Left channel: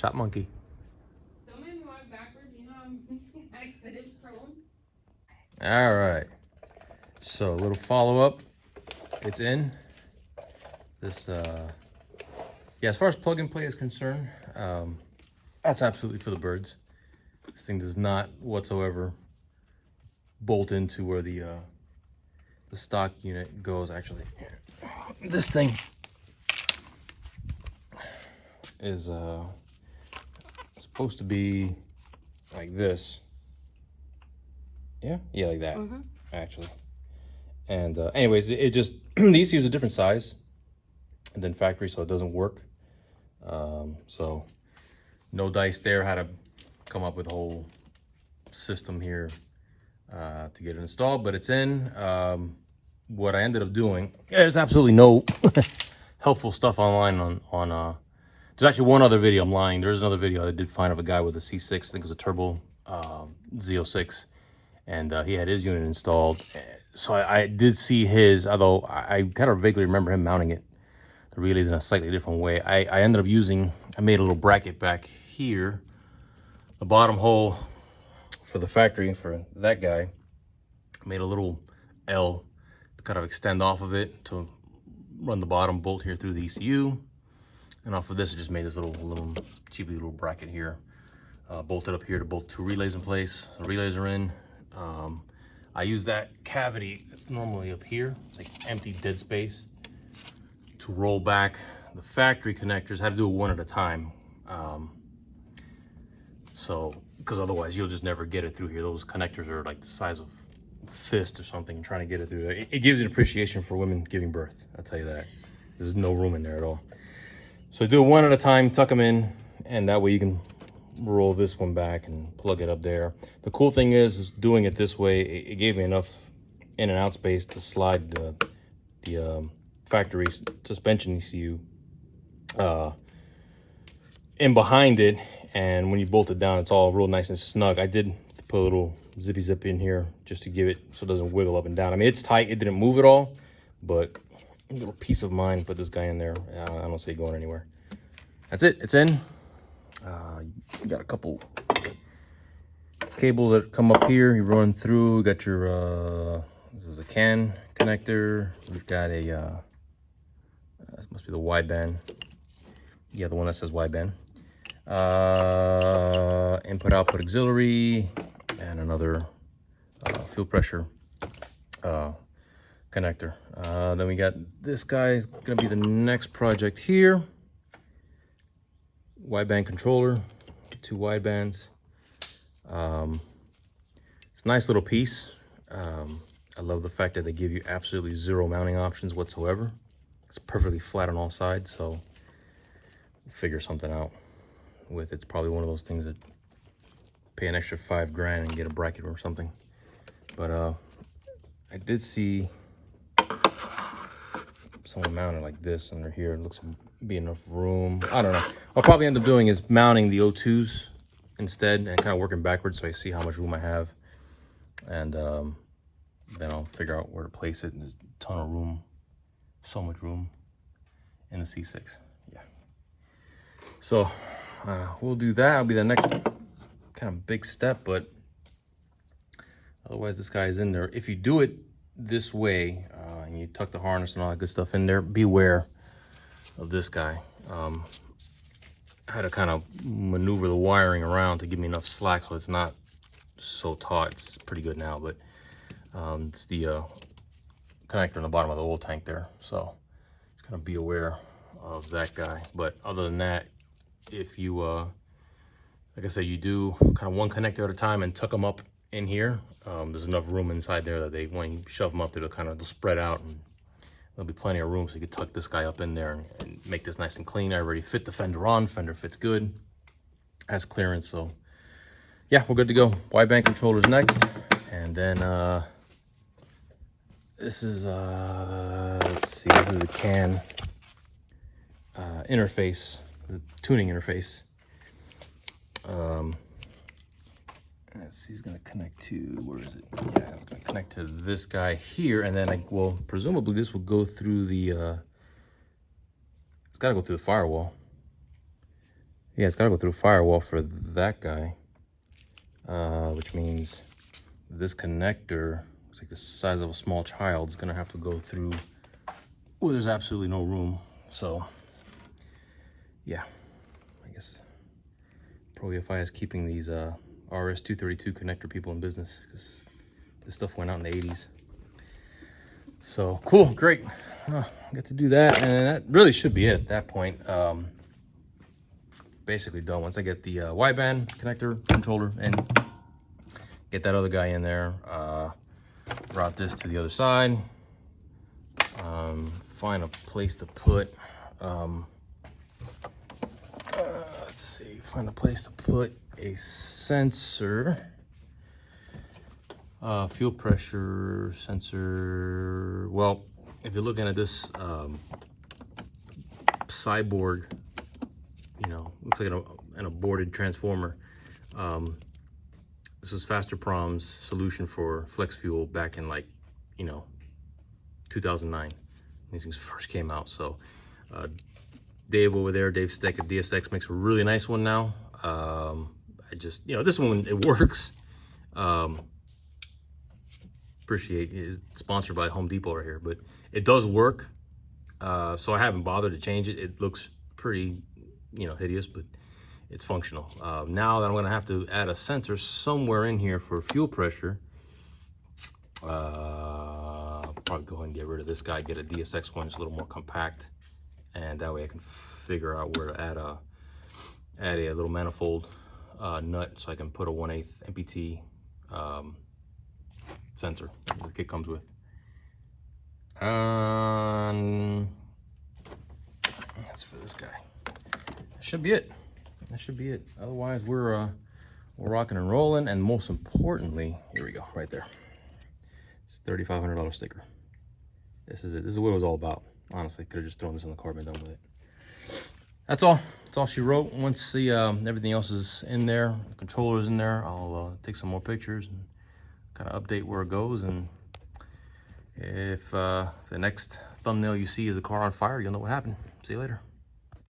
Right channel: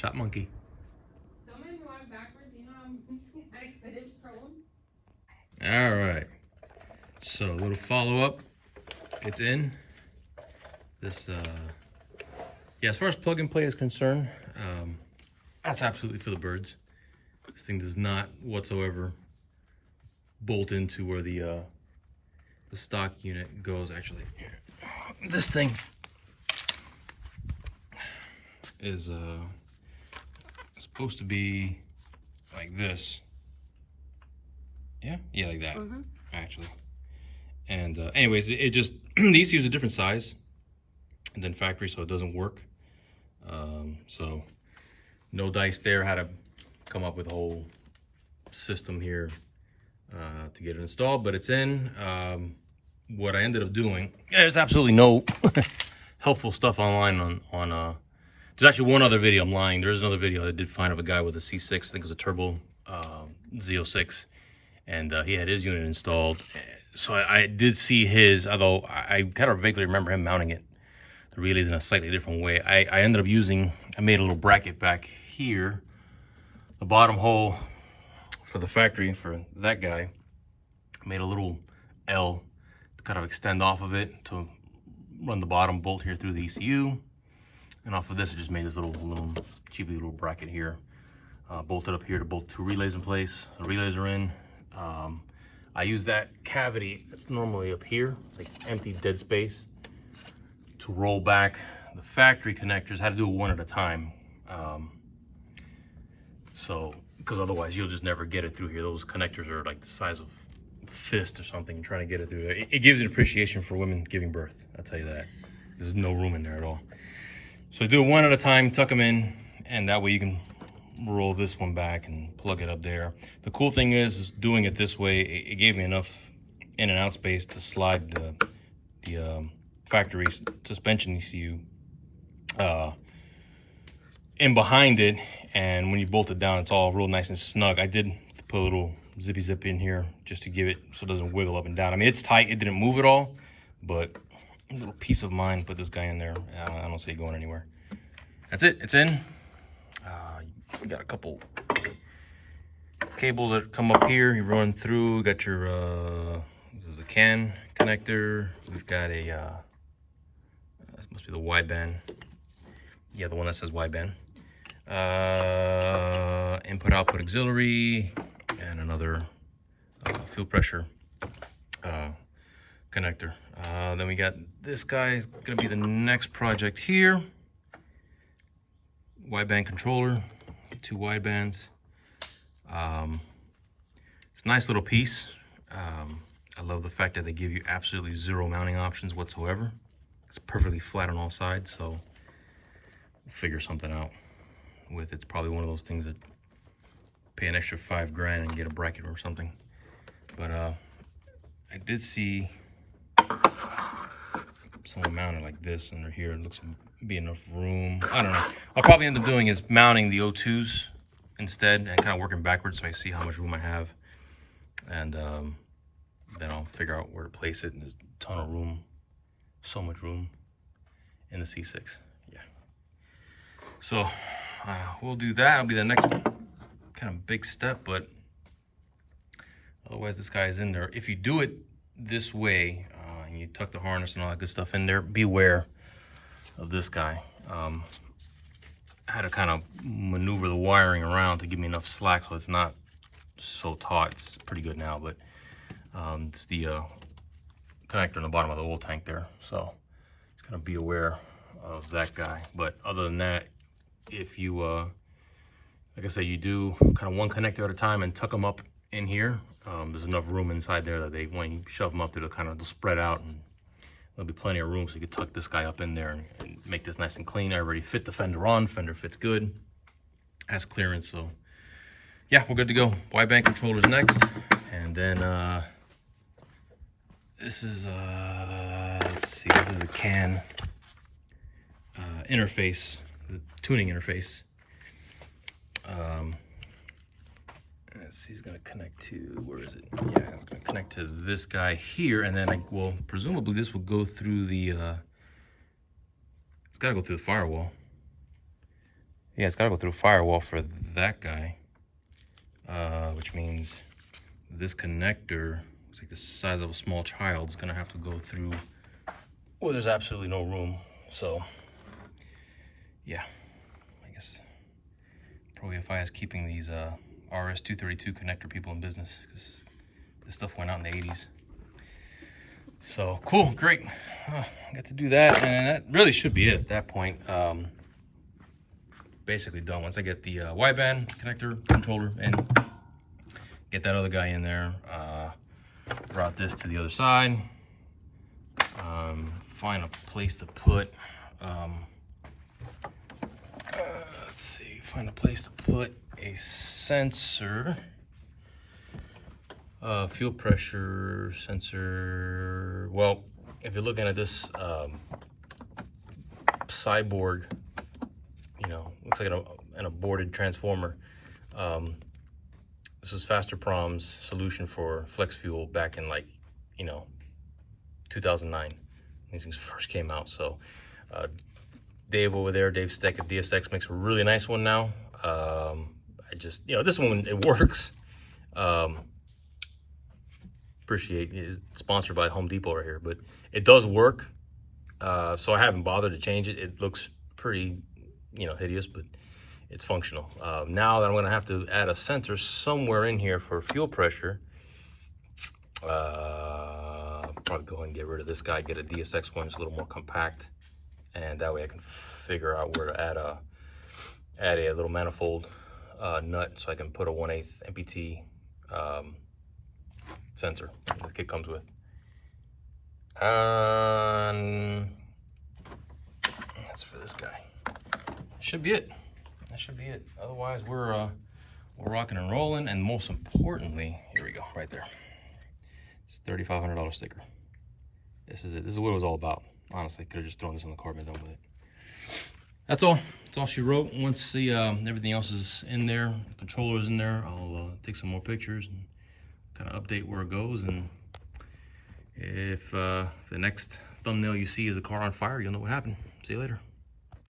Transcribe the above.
Shot monkey. Don't make me walk backwards. You know I'm accident prone. All right. So a little follow-up. It's in. This, yeah, as far as plug and play is concerned, that's absolutely for the birds. This thing does not whatsoever bolt into where the stock unit goes. Actually, this thing is supposed to be like this. Yeah, like that. Actually. And anyways, it just the ECU is a different size than factory, so it doesn't work. So no dice there. Had to come up with a whole system here to get it installed, but it's in. What I ended up doing, there's absolutely no helpful stuff online on there's actually one other video. I'm lying. There's another video I did find of a guy with a C6, I think it was a turbo Z06, and he had his unit installed. So I did see his, although I kind of vaguely remember him mounting it, the relays in a slightly different way. I ended up using, I made a little bracket back here, the bottom hole for the factory for that guy. I made a little L to kind of extend off of it to run the bottom bolt here through the ECU. And off of this, I just made this little cheapy little bracket here. Bolted up here to bolt two relays in place. The relays are in. I use that cavity that's normally up here. It's like empty dead space to roll back the factory connectors. I had to do it one at a time. So, because otherwise you'll just never get it through here. Those connectors are like the size of a fist or something, trying to get it through there. It gives you an appreciation for women giving birth, I'll tell you that. There's no room in there at all. So do it one at a time, tuck them in, and that way you can roll this one back and plug it up there. The cool thing is doing it this way, it gave me enough in and out space to slide the factory suspension ECU in behind it, and when you bolt it down, it's all real nice and snug. I did put a little zippy zip in here just to give it so it doesn't wiggle up and down. I mean, it's tight, it didn't move at all, but a little peace of mind, put this guy in there. I don't see it going anywhere. That's it, it's in. You got a couple cables that come up here, you run through. You got your this is a CAN connector. We've got a this must be the wideband. Yeah, the one that says wideband. Input output auxiliary, and another fuel pressure connector. Then we got this guy is gonna be the next project here. Wideband controller, 2 widebands. It's a nice little piece. I love the fact that they give you absolutely 0 mounting options whatsoever. It's perfectly flat on all sides, so we'll figure something out with it. It's probably one of those things that pay an extra $5 grand and get a bracket or something. But I did see someone mounted like this under here. It looks to be enough room. I don't know. What I'll probably end up doing is mounting the O2s instead and kind of working backwards so I see how much room I have. And then I'll figure out where to place it. And there's a ton of room, so much room in the C6. Yeah. So we'll do that. It'll be the next kind of big step, but otherwise this guy is in there. If you do it this way, and you tuck the harness and all that good stuff in there, beware of this guy. I had to kind of maneuver the wiring around to give me enough slack so it's not so taut. It's pretty good now, but it's the connector in the bottom of the oil tank there. So just kind of be aware of that guy. But other than that, if you, like I said, you do kind of one connector at a time and tuck them up in here, there's enough room inside there that when you shove them up there, they'll spread out, and there'll be plenty of room, so you can tuck this guy up in there and make this nice and clean. I already fit the fender on. Fender fits good, has clearance, so yeah, we're good to go. Wideband controllers next, and then this is let's see, this is a CAN interface, the tuning interface. Let's see, it's gonna connect to, where is it? Yeah, it's gonna connect to this guy here, and then presumably this will go through the, it's gotta go through the firewall. Yeah, it's gotta go through firewall for that guy, which means this connector, it's like the size of a small child, is gonna have to go through where there's absolutely no room. So yeah, I guess ProEFI is keeping these RS-232 connector people in business, because this stuff went out in the 80s. So cool, great. Get to do that, and that really should be it at that point. Basically done. Once I get the wideband connector controller and get that other guy in there, route this to the other side, find a place to put let's see, find a place to put a sensor, fuel pressure sensor. Well, if you're looking at this cyborg, you know, looks like an aborted transformer. This was Faster Prom's solution for flex fuel back in, like, you know, 2009. These things first came out. So Dave over there, Dave Steck at DSX, makes a really nice one now. I just, you know, this one, it works. Appreciate it. It's sponsored by Home Depot right here, but it does work. So I haven't bothered to change it. It looks pretty, you know, hideous, but it's functional. Now that I'm gonna have to add a sensor somewhere in here for fuel pressure, probably go ahead and get rid of this guy, get a DSX one, it's a little more compact, and that way I can figure out where to add a little manifold nut, so I can put a 1/8 MPT sensor the kit comes with. That's for this guy. That should be it. That should be it. Otherwise, we're rocking and rolling. And most importantly, here we go, right there. It's $3,500 sticker. This is it. This is what it was all about. Honestly, could have just thrown this on the card and done with it. That's all. That's all she wrote. Once the everything else is in there, the controller's in there, I'll take some more pictures and kind of update where it goes. And if the next thumbnail you see is a car on fire, you'll know what happened. See you later.